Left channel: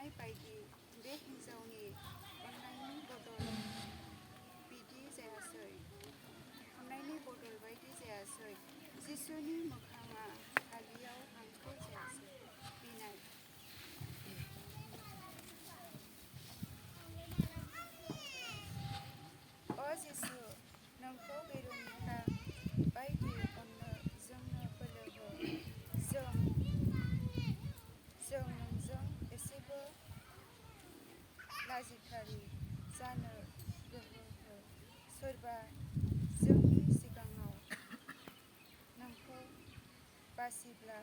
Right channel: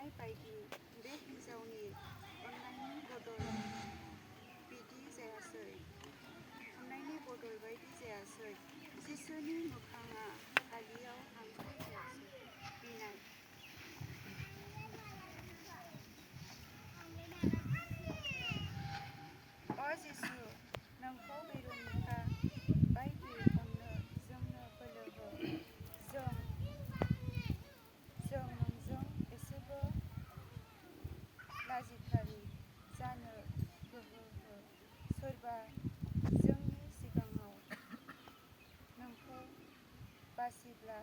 साननाय बायदि बे हिन्जावनि अननायनि बदल बिदि जायासै। अननायनि बदल बायदि जायासै। जिसुनि मोखाङा फालियाव हांखो जायासै। बिनाय अ जिसु, नोंखौ बेर'निका बायदि अननो जोंनो बोलो हो। जों नोंजों एसेबो लाजिथारि जानो गोहो हो। सोरबा जोंनि सिगाङाव नोंखौ बासिब्ला